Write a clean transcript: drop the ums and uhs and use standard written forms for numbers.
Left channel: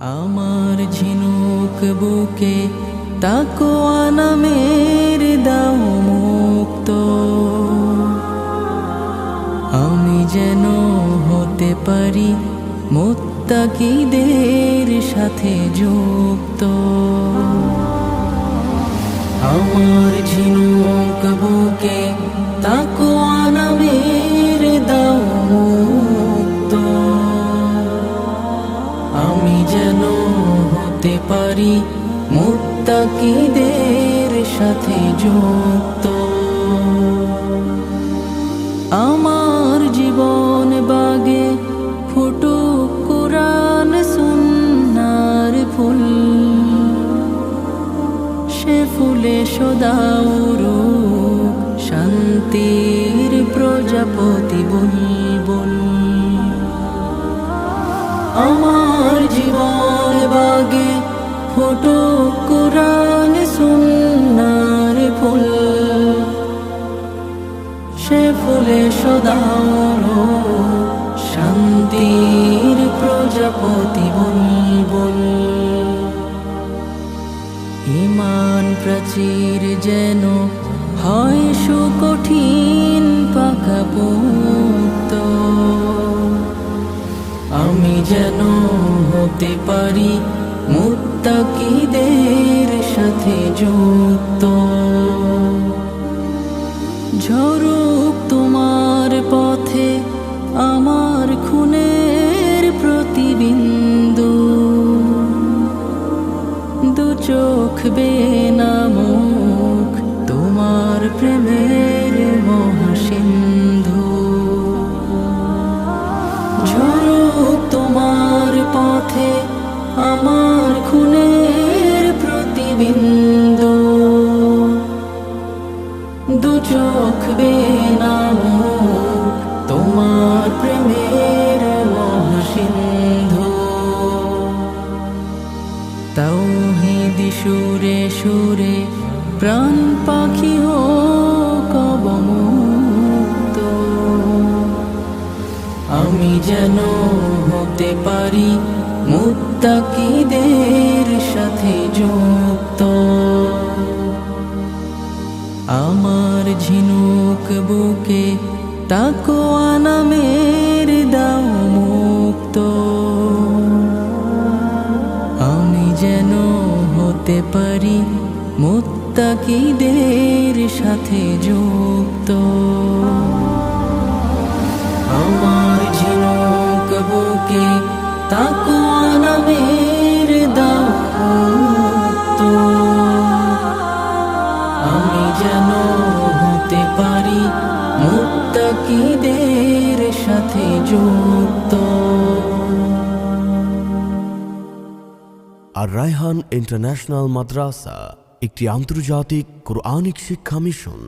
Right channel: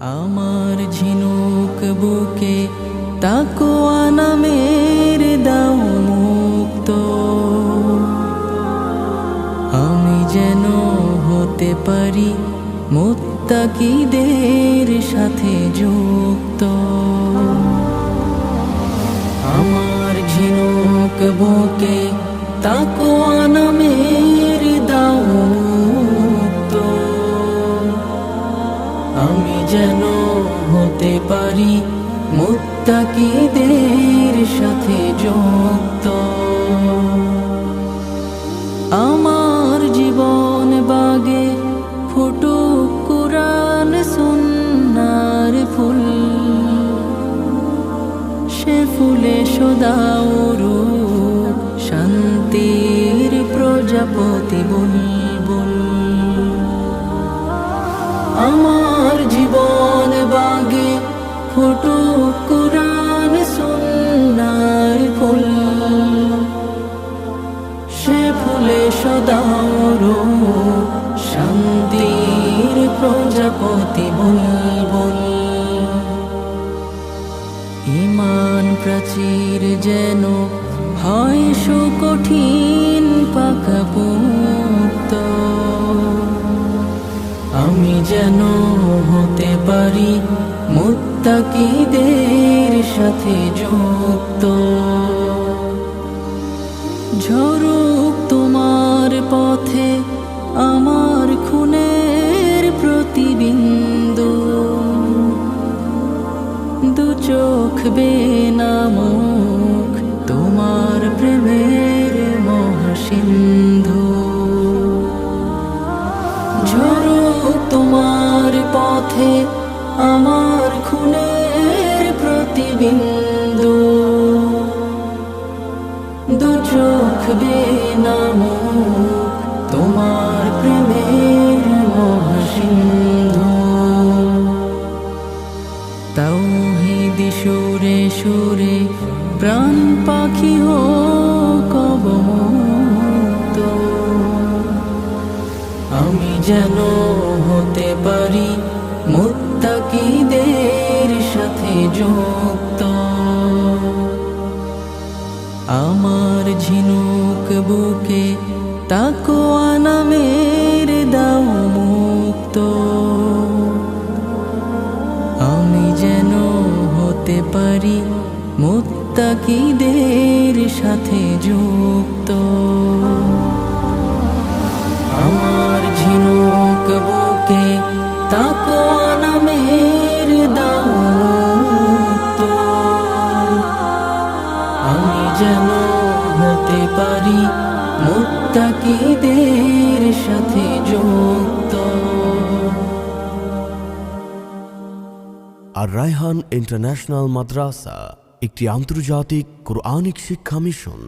আমার ঝিনুক বুকে তাকওয়া নামের দাও মুক্ত, আমি যেন হতে পারি মুত্তাকিদের সাথে যুক্ত। আমার ঝিনুক বুকে তাকওয়া নামের দাও মুক্ত, আমি যেন হতে পারি মুত্তাকিদের সাথে যুক্ত। আমার জীবন বাগে ফুটুক কুরআন সুন্নাহর ফুল, সে ফুলে সদা উড়ুক শান্তির প্রজাপতি বুলবুল। আমার জীবন বাগে ফুটুক কুরআন সুন্নাহর ফুল, সে ফুলে সদা উড়ুক শান্তির প্রজাপতি বুলবুল। ঈমান প্রাচীর যেন হয় সুকঠিন পাকাপোক্ত, আমি যেন হতে পারি মুত্তাকিদের সাথে যুক্ত। ঝরুক তোমার পথে আমার খুনের প্রতিবিন্দু, দু চোখ বেনামুখ তোমার প্রেমের মহাসিন্ধু। ঝরুক তোমার পথে আমার খুনের প্রতিবিন্দু, দু চোখ বেনামুখ তোমার প্রেমের মহাসিন্ধু। তাওহীদি সুরে সুরে প্রাণ পাখি হোক অবমুক্ত, আমি যেন হতে পারি মুত্তাকিদের সাথে যুক্ত। আমার ঝিনুক বুকে তাকওয়া নামের দাও মুক্ত, আমি যেন হতে পারি মুত্তাকিদের সাথে যুক্ত। আমার ঝিনুক বুকে তাকওয়া নামের দাও মুক্ত, আমি যেন হতে পারি মুত্তাকিদের সাথে যুক্ত। আর রায়হান ইন্টারন্যাশনাল মাদ্রাসা একটি আন্তর্জাতিক কোরআনিক শিক্ষা মিশন।